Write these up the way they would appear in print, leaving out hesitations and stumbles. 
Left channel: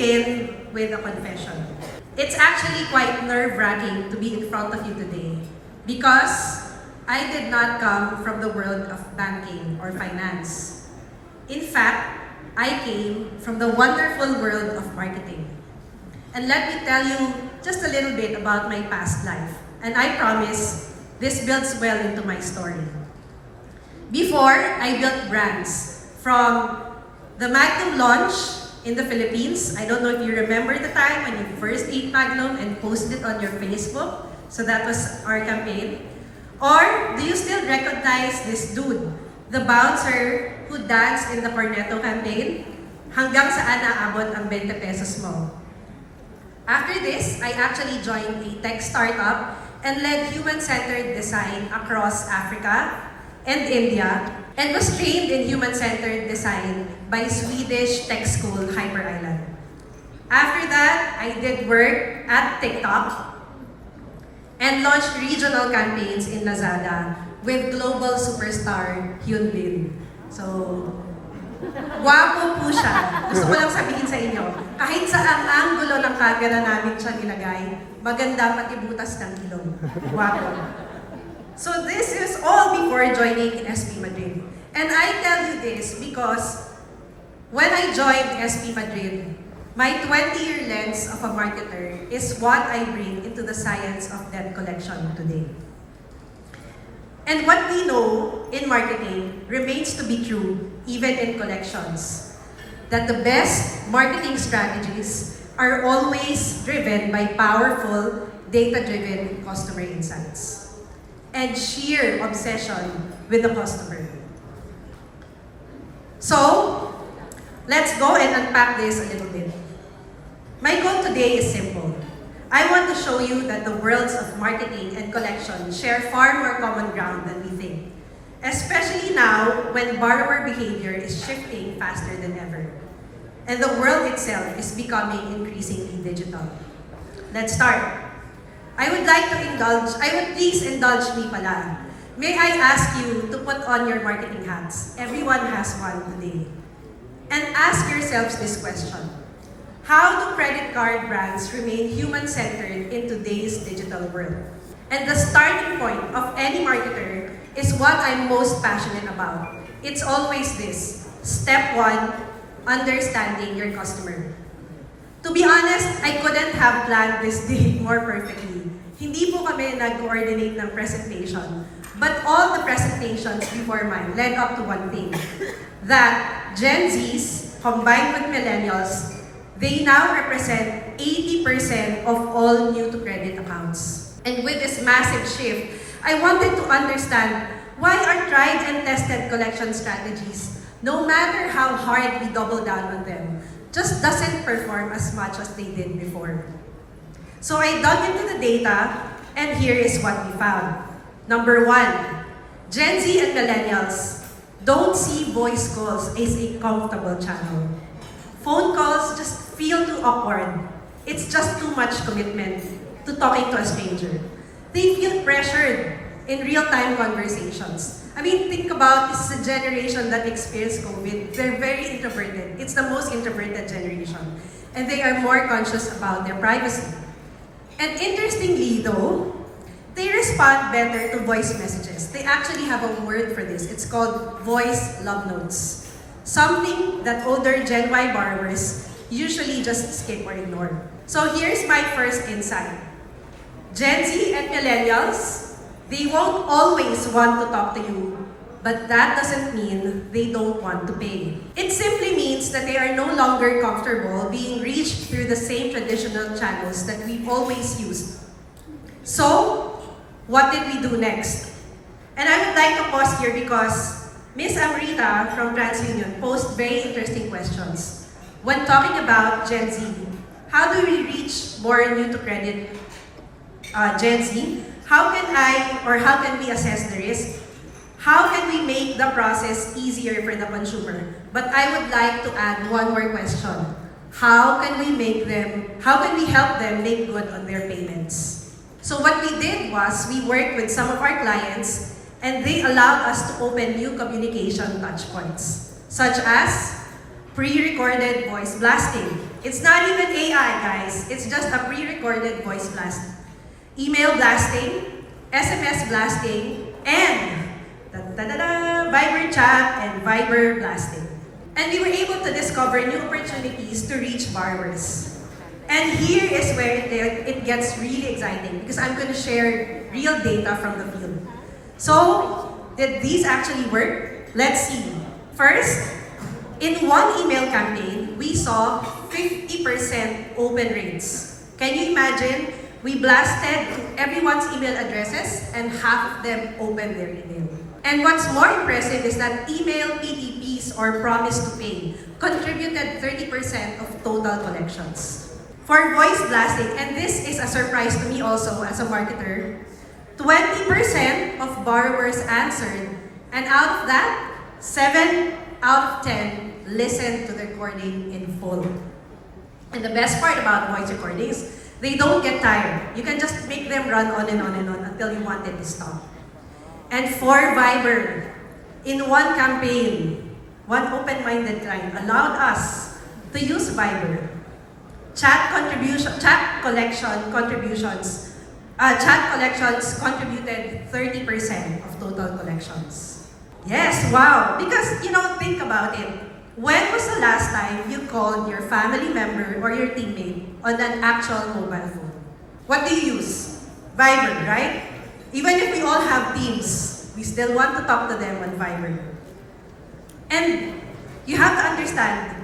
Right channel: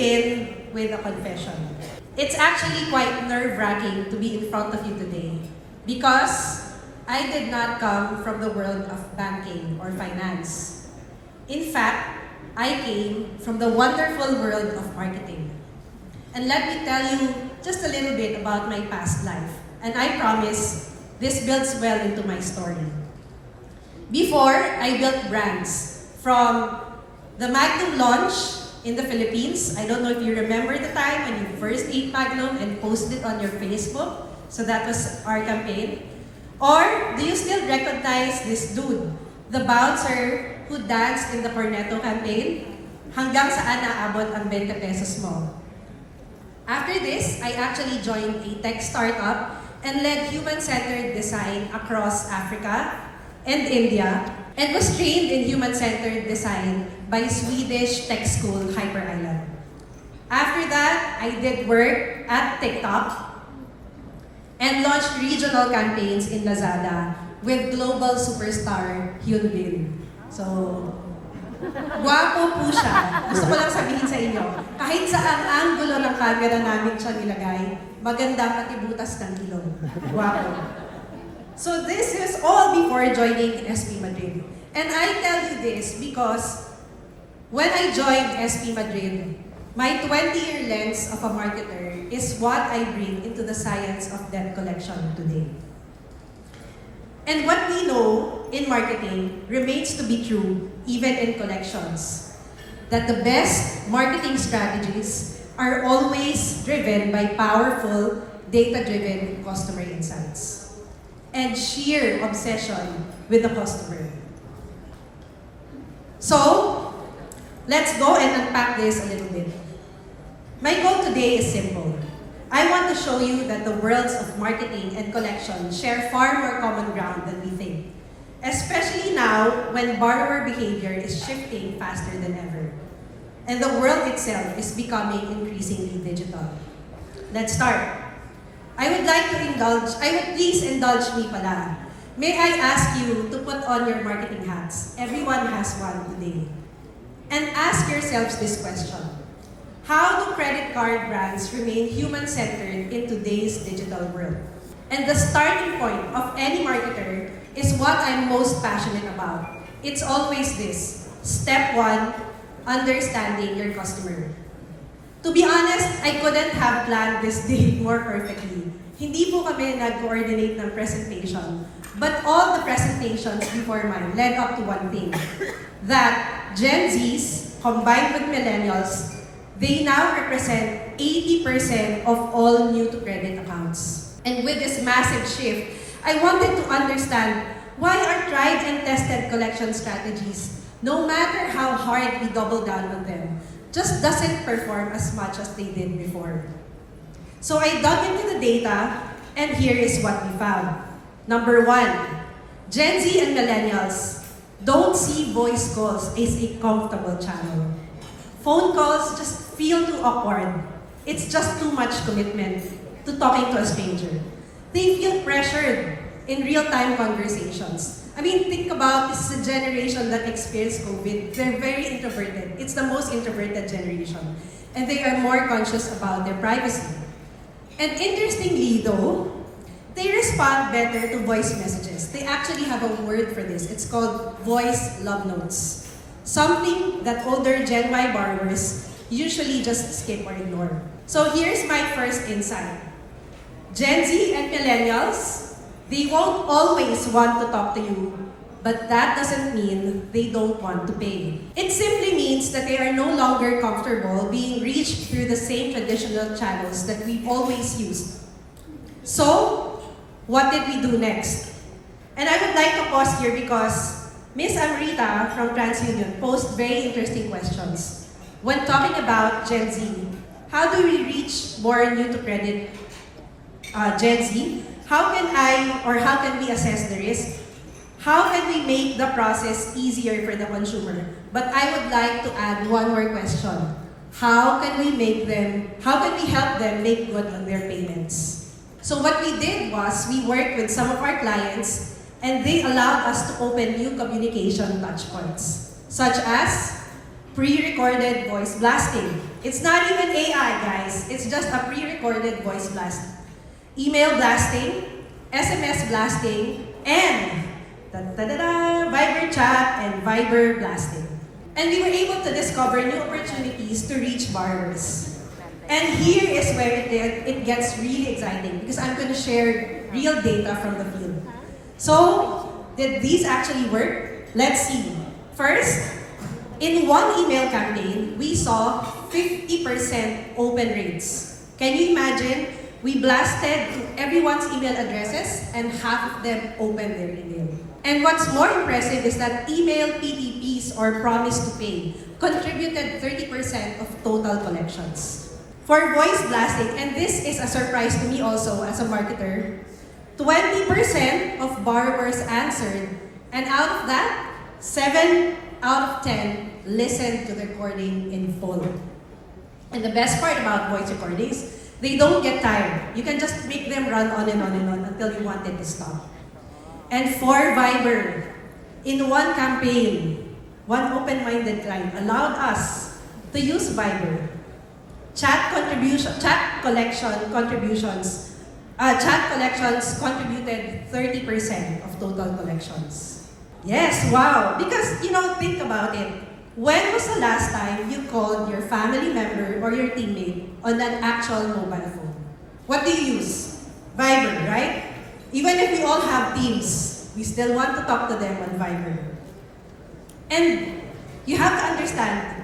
begin with a confession. It's actually quite nerve-wracking to be in front of you today because I did not come from the world of banking or finance. In fact, I came from the wonderful world of marketing. And let me tell you just a little bit about my past life. And I promise this builds well into my story. Before, I built brands from the Magnum launch in the Philippines. I don't know if you remember the time when you first ate Magnum and posted it on your Facebook. So that was our campaign. Or do you still recognize this dude, the bouncer who danced in the Cornetto campaign? Hanggang saan naabot ang 20 pesos mo? After this, I actually joined a tech startup and led human-centered design across Africa and India, and was trained in human-centered design by Swedish tech school Hyper Island. After that, I did work at TikTok and launched regional campaigns in Lazada with global superstar Hyun Bin. So, wapo po siya. Gusto ko lang sabihin sa inyo, kahit sa ang anggulo ng camera namin siya nilagay, maganda pati butas ng ilong. Wapo. So this is all before joining in SP Madrid. And I tell you this because when I joined SP Madrid, my 20-year lens of a marketer is what I bring into the science of debt collection today. And what we know in marketing remains to be true even in collections. That the best marketing strategies are always driven by powerful, data-driven customer insights and sheer obsession with the customer. So, let's go and unpack this a little bit. My goal today is simple. I want to show you that the worlds of marketing and collection share far more common ground than we think, especially now when borrower behavior is shifting faster than ever, and the world itself is becoming increasingly digital. Let's start. I would please indulge me pala. May I ask you to put on your marketing hats? Everyone has one today. And ask yourselves this question. How do credit card brands remain human-centered in today's digital world? And the starting point of any marketer is what I'm most passionate about. It's always this. Step 1, understanding your customer. To be honest, I couldn't have planned this day more perfectly. Hindi po kami nag-coordinate ng presentation, but all the presentations before mine led up to one thing, that Gen Zs, combined with millennials, they now represent 80% of all new-to-credit accounts. And with this massive shift, I wanted to understand why our tried and tested collection strategies, no matter how hard we double down on them, just doesn't perform as much as they did before. So I dug into the data, and here is what we found. Number 1, Gen Z and millennials don't see voice calls as a comfortable channel. Phone calls just feel too awkward. It's just too much commitment to talking to a stranger. They feel pressured in real-time conversations. I mean, think about this is a generation that experienced COVID. They're very introverted. It's the most introverted generation. And they are more conscious about their privacy. And interestingly though, they respond better to voice messages. They actually have a word for this. It's called voice love notes. Something that older Gen Y borrowers usually just skip or ignore. So here's my first insight. Gen Z and millennials, they won't always want to talk to you, but that doesn't mean they don't want to pay. It simply means that they are no longer comfortable being reached through the same traditional channels that we've always used. So, what did we do next? And I would like to pause here because Ms. Amrita from TransUnion posed very interesting questions. When talking about Gen Z, how do we reach more new-to-credit Gen Z? How can we assess the risk? How can we make the process easier for the consumer? But I would like to add one more question. How can we help them make good on their payments? So what we did was we worked with some of our clients and they allowed us to open new communication touchpoints, such as pre-recorded voice blasting. It's not even AI, guys. It's just a pre-recorded voice blast. Email blasting, SMS blasting, and Viber chat and Viber blasting. And we were able to discover new opportunities to reach borrowers. And here is where it gets really exciting because I'm going to share real data from the field. So, did these actually work? Let's see. First, in one email campaign, we saw 50% open rates. Can you imagine? We blasted everyone's email addresses and half of them opened their email. And what's more impressive is that email PTPs or promise to pay contributed 30% of total collections. For voice blasting, and this is a surprise to me also as a marketer, 20% of borrowers answered, and out of that, 7 out of 10 listened to the recording in full. And the best part about voice recordings, they don't get tired. You can just make them run on and on and on until you want it to stop. And for Viber, in one campaign, one open-minded client allowed us to use Viber. Chat collections contributed 30% of total collections. Yes, wow. Because, think about it. When was the last time you called your family member or your teammate on an actual mobile phone? What do you use? Viber, right? Even if we all have Teams, we still want to talk to them on Viber. And you have to understand,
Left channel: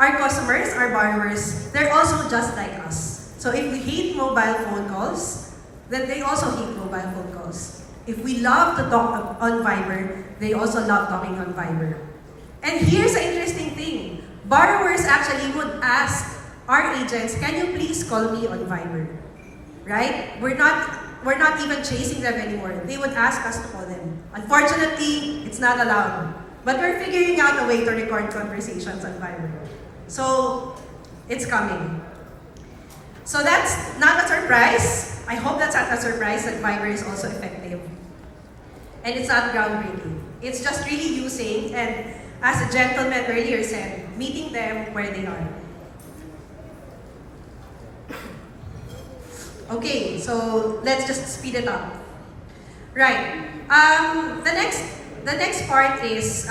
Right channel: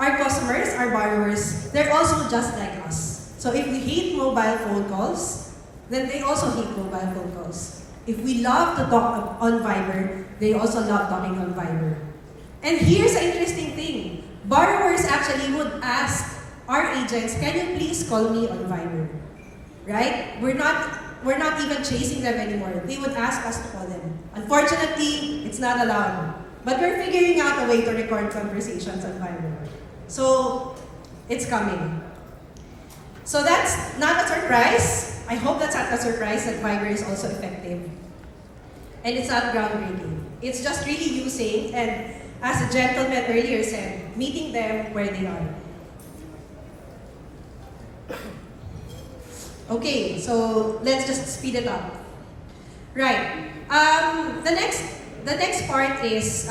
our customers, our borrowers, they're also just like us. So if we hate mobile phone calls, then they also hate mobile phone calls. If we love to talk on Viber, they also love talking on Viber. And here's the interesting thing. Borrowers actually would ask our agents, can you please call me on Viber? Right? We're not even chasing them anymore. They would ask us to call them. Unfortunately, it's not allowed. But we're figuring out a way to record conversations on Viber. So, it's coming. So that's not a surprise. I hope that's not a surprise that Viber is also effective. And it's not groundbreaking. It's just really using, and as a gentleman earlier said, meeting them where they are. Okay, so let's just speed it up. Right. The next part is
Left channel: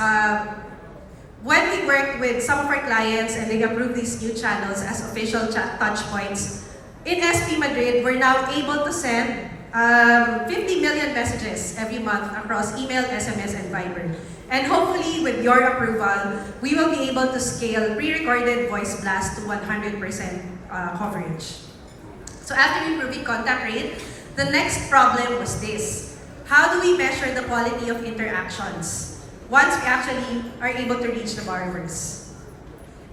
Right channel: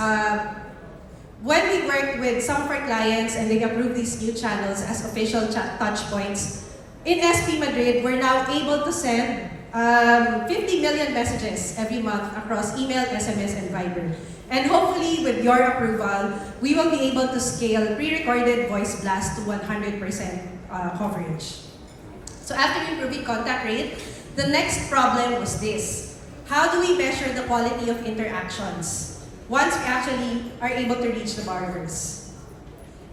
when we worked with some of our clients and they approved these new channels as official touch points. In SP Madrid, we're now able to send 50 million messages every month across email, SMS, and Viber. And hopefully, with your approval, we will be able to scale pre-recorded voice blast to 100% coverage. So after improving contact rate, the next problem was this. How do we measure the quality of interactions once we actually are able to reach the borrowers?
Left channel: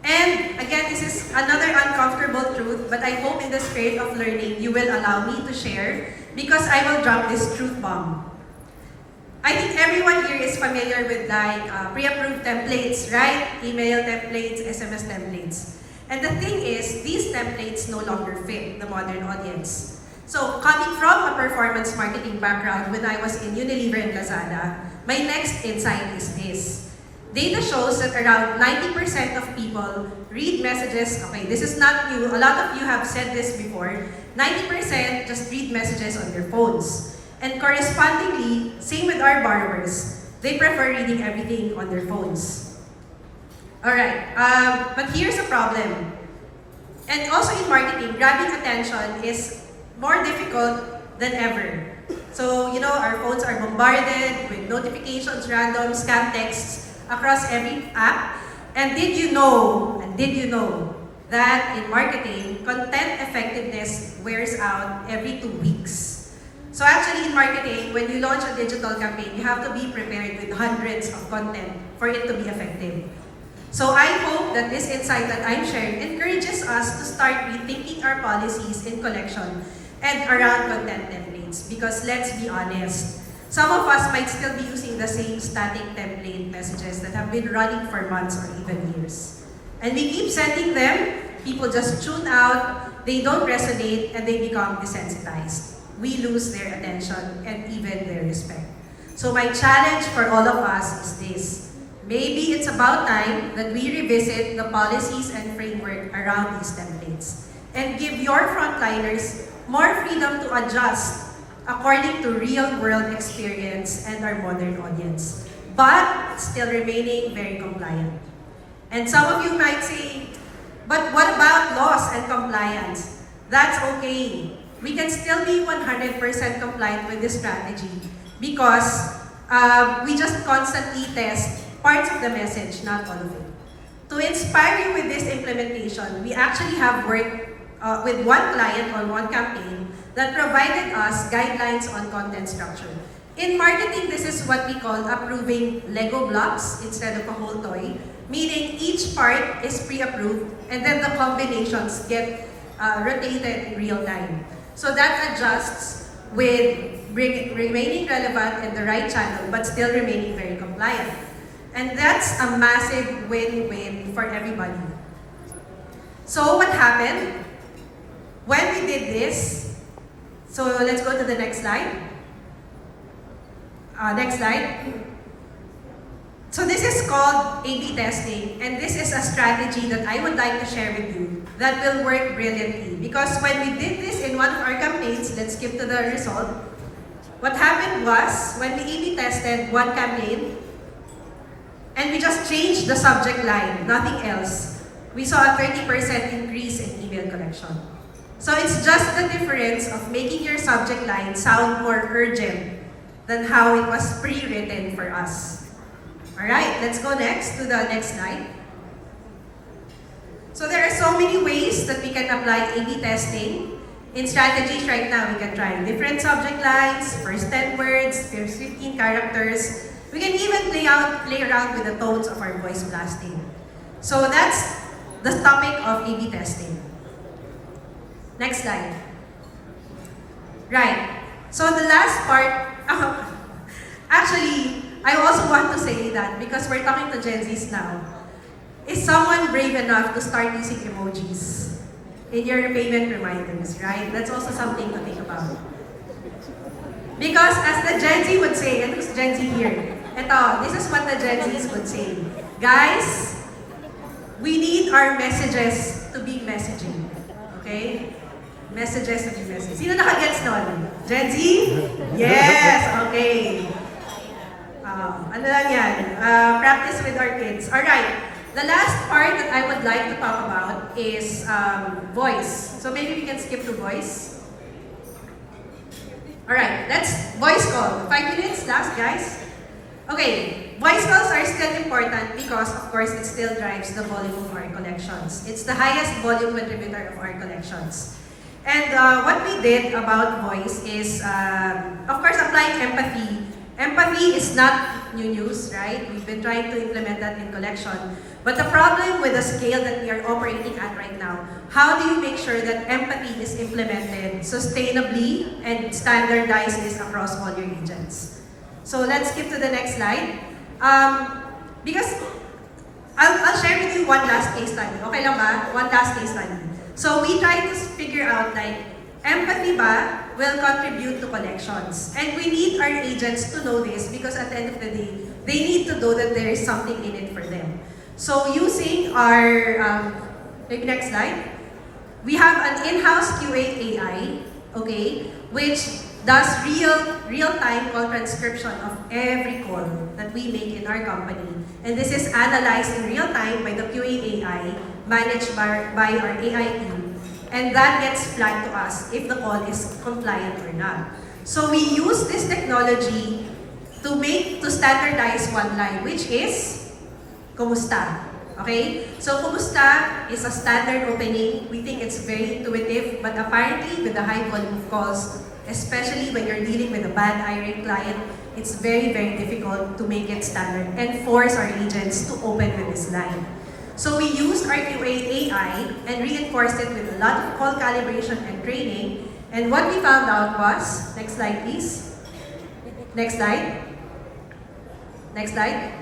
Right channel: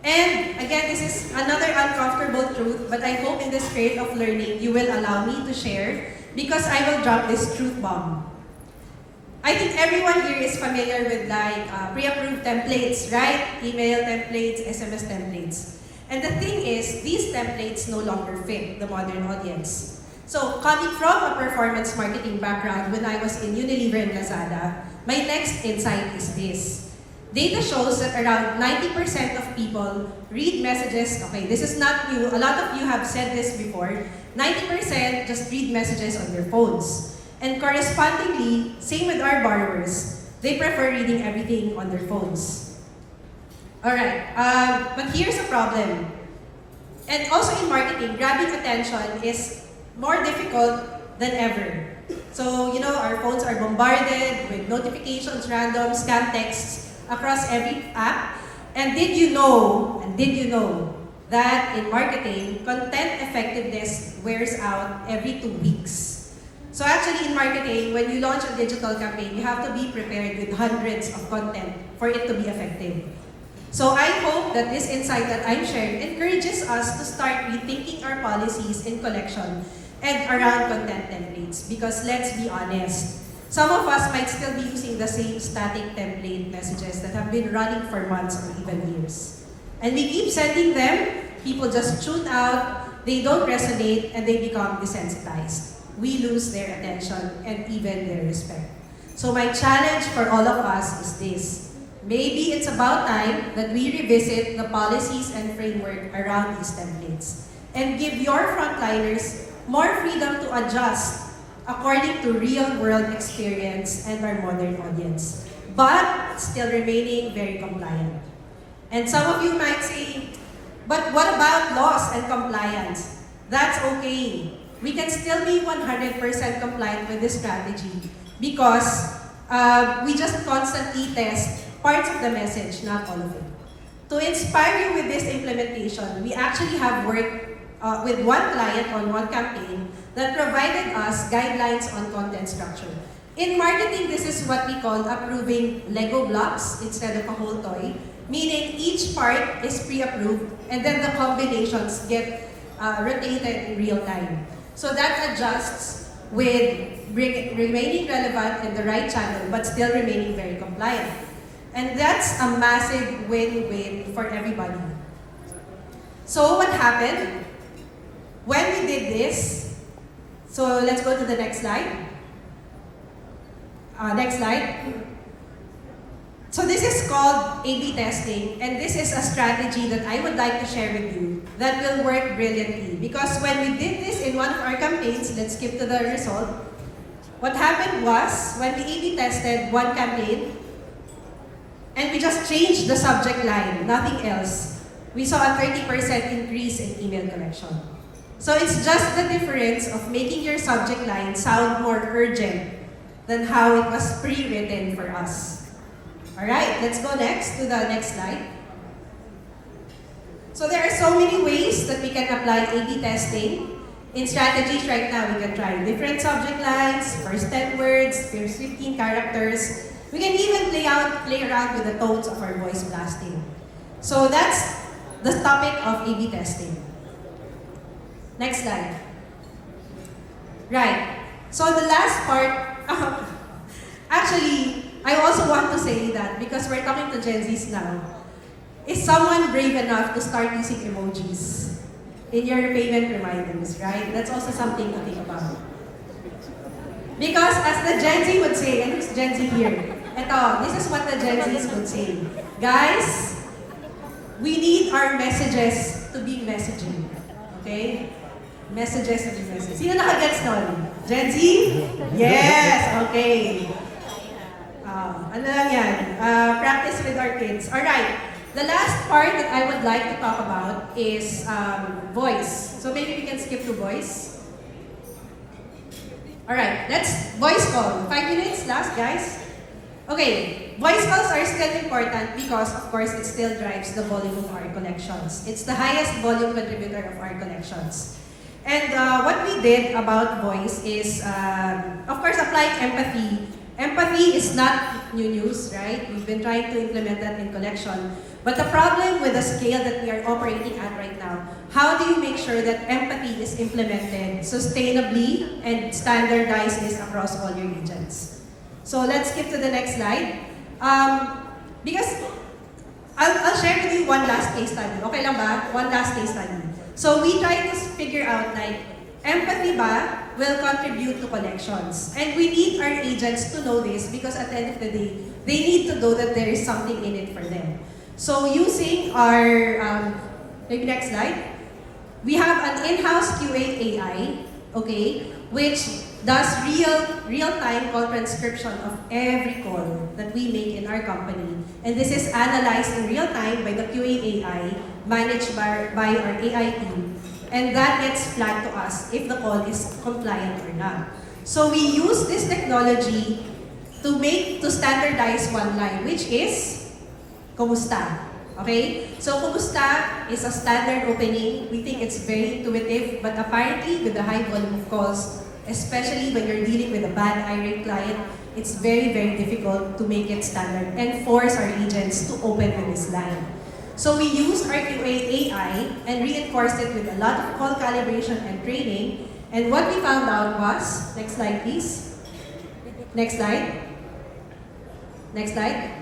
And again, this is another uncomfortable truth, but I hope in the spirit of learning, you will allow me to share because I will drop this truth bomb. I think everyone here is familiar with pre-approved templates, right? Email templates, SMS templates. And the thing is, these templates no longer fit the modern audience. So, coming from a performance marketing background when I was in Unilever and Lazada, my next insight is this. Data shows that around 90% of people read messages, okay, this is not new, a lot of you have said this before, 90% just read messages on their phones. And correspondingly, same with our borrowers, they prefer reading everything on their phones. Alright, but here's a problem. And also in marketing, grabbing attention is more difficult than ever. So, our phones are bombarded with notifications, random scam texts across every app. And did you know that in marketing, content effectiveness wears out every 2 weeks? So actually in marketing, when you launch a digital campaign, you have to be prepared with hundreds of content for it to be effective. So I hope that this insight that I'm sharing encourages us to start rethinking our policies in collection and around content templates. Because let's be honest, some of us might still be using the same static template messages that have been running for months or even years. And we keep sending them, people just tune out, they don't resonate, and they become desensitized. We lose their attention and even their respect. So my challenge for all of us is this. Maybe it's about time that we revisit the policies and framework around these templates and give your frontliners more freedom to adjust according to real-world experience and our modern audience, but still remaining very compliant. And some of you might say, but what about laws and compliance? That's okay. We can still be 100% compliant with this strategy because we just constantly test parts of the message, not all of it. To inspire you with this implementation, we actually have worked with one client on one campaign that provided us guidelines on content structure. In marketing, this is what we call approving Lego blocks instead of a whole toy, meaning each part is pre-approved and then the combinations get rotated in real time. So that adjusts with remaining relevant in the right channel but still remaining very compliant. And that's a massive win-win for everybody. So what happened? When we did this, so let's go to the next slide. Next slide. So this is called A/B testing, and this is a strategy that I would like to share with you that will work brilliantly. Because when we did this in one of our campaigns, let's skip to the result. What happened was, when we A/B tested one campaign, and we just changed the subject line, nothing else, we saw a 30% increase in email collection. So it's just the difference of making your subject line sound more urgent than how it was pre-written for us. Alright, let's go next to the next slide. So there are so many ways that we can apply A/B testing. In strategies right now, we can try different subject lines, first 10 words, first 15 characters. We can even play around with the tones of our voice blasting. So that's the topic of A/B testing. Next slide. Right. So the last part, actually, I also want to say that because we're talking to Gen Zs now, is someone brave enough to start using emojis in your payment reminders, right? That's also something to think about. Because as the Gen Z would say, and who's Gen Z here? This is what the Gen Zs would say. Guys, we need our messages to be messaging. Okay? Messages to be messaging. Sino nakagets nun? Gen Z? Yes! Okay. Ano lang yan? Practice with our kids. Alright. The last part that I would like to talk about is voice. So maybe we can skip to voice. Alright, let's voice call. 5 minutes last, guys. Okay, voice calls are still important because, of course, it still drives the volume of our collections. It's the highest volume contributor of our collections. And what we did about voice is, of course, applying empathy. Empathy is not new news, right? We've been trying to implement that in collection. But the problem with the scale that we are operating at right now, how do you make sure that empathy is implemented sustainably and standardizes across all your agents? So let's skip to the next slide. Because I'll share with you one last case study. Okay lang ba? One last case study. So we try to figure out like, empathy ba will contribute to collections? And we need our agents to know this because at the end of the day, they need to know that there is something in it for them. So using our, maybe next slide, we have an in-house QA AI, okay, which does real-time call transcription of every call that we make in our company. And this is analyzed in real time by the QA AI managed by our AI team. And that gets flagged to us if the call is compliant or not. So we use this technology to standardize one line, which is Kumusta. Okay? So Kumusta is a standard opening. We think it's very intuitive, but apparently with the high volume of calls, especially when you're dealing with a bad irate client, it's very, very difficult to make it standard and force our agents to open with this line. So we used our QA AI and reinforced it with a lot of call calibration and training. And what we found out was, next slide please. Next slide. Next slide.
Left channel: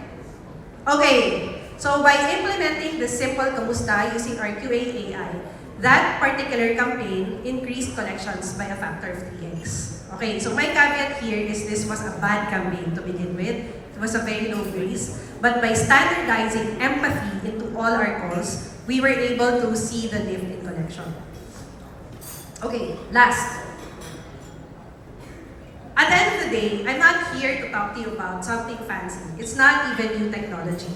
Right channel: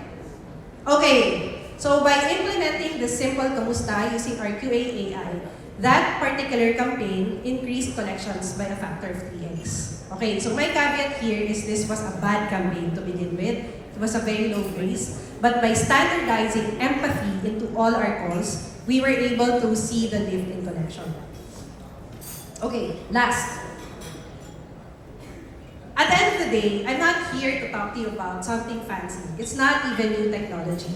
Okay, so by implementing the simple Kumusta using our QA AI, that particular campaign increased collections by a factor of 3x. Okay, so my caveat here is this was a bad campaign to begin with. It was a very low grace. but by standardizing empathy into all our calls, we were able to see the lift in collection. Okay, last. At the end of the day, I'm not here to talk to you about something fancy. It's not even new technology.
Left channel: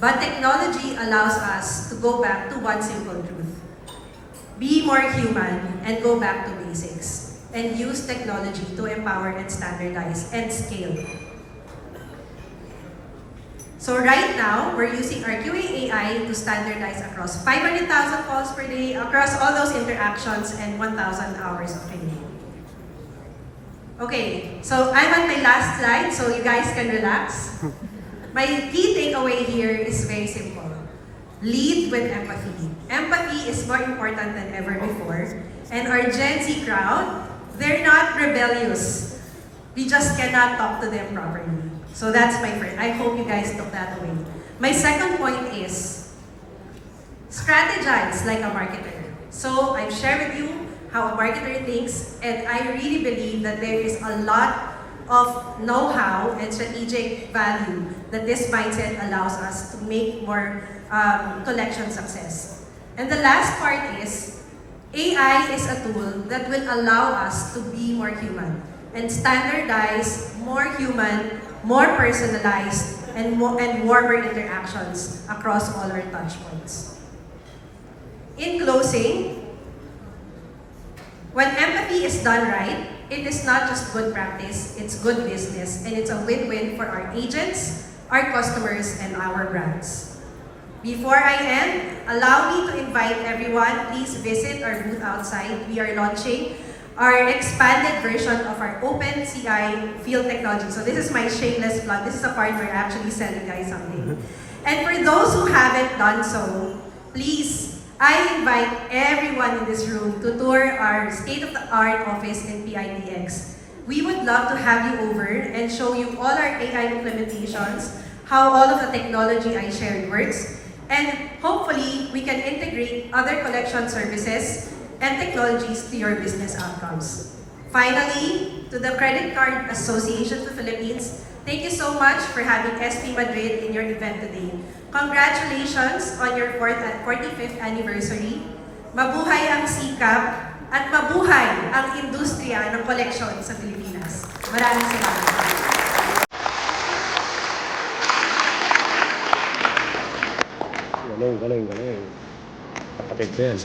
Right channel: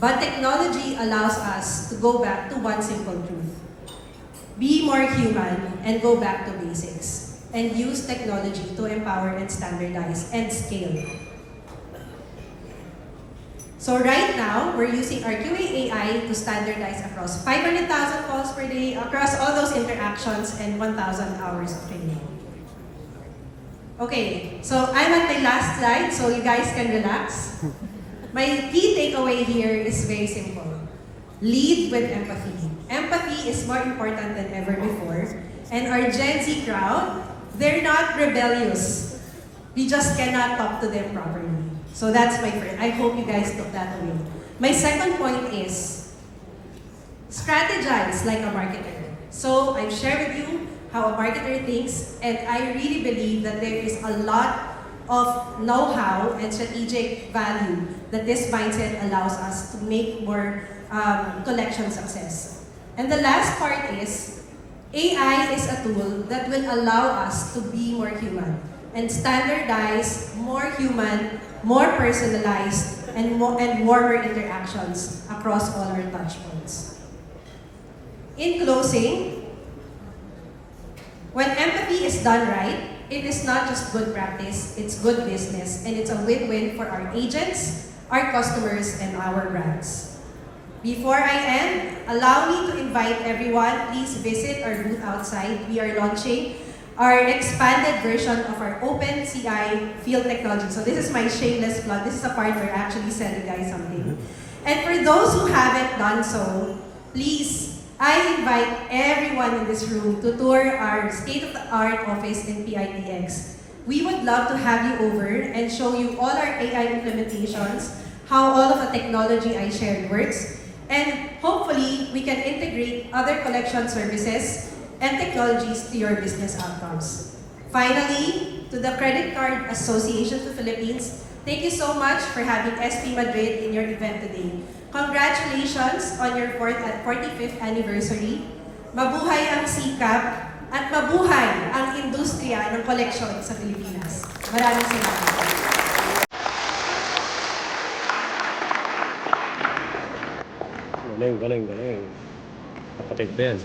But technology allows us to go back to one simple truth. Be more human and go back to basics. And use technology to empower and standardize and scale. So right now, we're using our QA AI to standardize across 500,000 calls per day, across all those interactions, and 1,000 hours of training. Okay, so I'm at my last slide, so you guys can relax. My key takeaway here is very simple. Lead with empathy. Empathy is more important than ever before. And our Gen Z crowd, they're not rebellious. We just cannot talk to them properly. So that's my first. I hope you guys took that away. My second point is, strategize like a marketer. So I've shared with you how a marketer thinks, and I really believe that there is a lot of know-how and strategic value that this mindset allows us to make more collection success. And the last part is, AI is a tool that will allow us to be more human and standardize more human, more personalized, and warmer interactions across all our touchpoints. In closing, when empathy is done right, it is not just good practice, it's good business, and it's a win-win for our agents, our customers, and our brands. Before I end, allow me to invite everyone, please visit our booth outside. We are launching our expanded version of our OpenCI field technology. So this is my shameless plug. This is a part where I actually sell you guys something. And for those who haven't done so, please, I invite everyone in this room to tour our state-of-the-art office in PITX. We would love to have you over and show you all our AI implementations, how all of the technology I shared works, and hopefully we can integrate other collection services and technologies to your business outcomes. Finally, to the Credit Card Association of the Philippines, thank you so much for having SP Madrid in your event today. Congratulations on your 45th anniversary. Mabuhay ang sikap at mabuhay ang industriya ng koleksyon sa Pilipinas. Maraming salamat. Galing. Kapatid ko yan.